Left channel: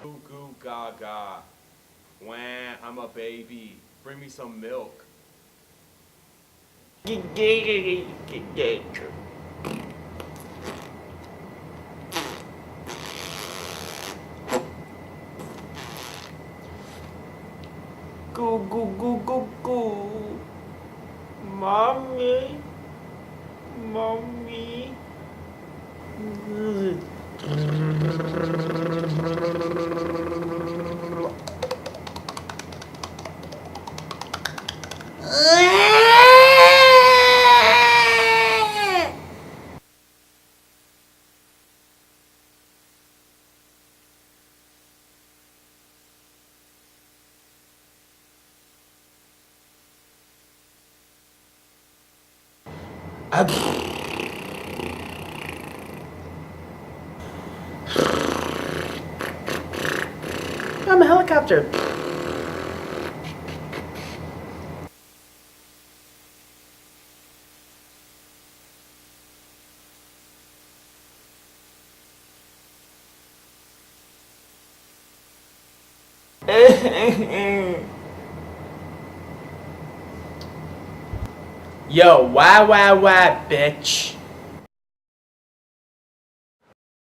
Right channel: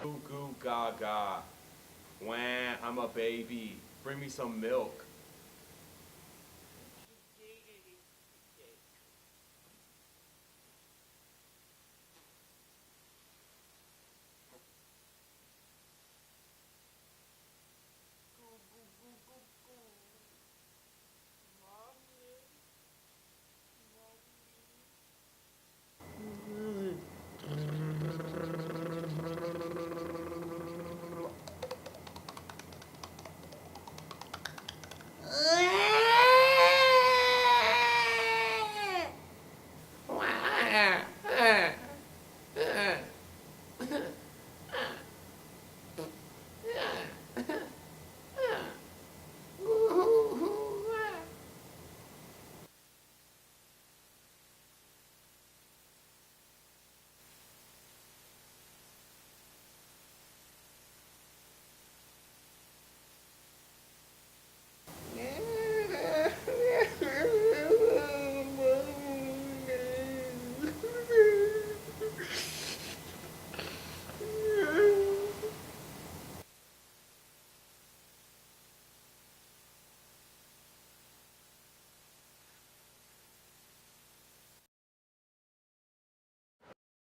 Goo goo gaga. Wah, I'm a baby. Bring me some milk. Goo goo goo goo goo. Mommy. Mommy. I'm a helicopter. Yo, why, bitch?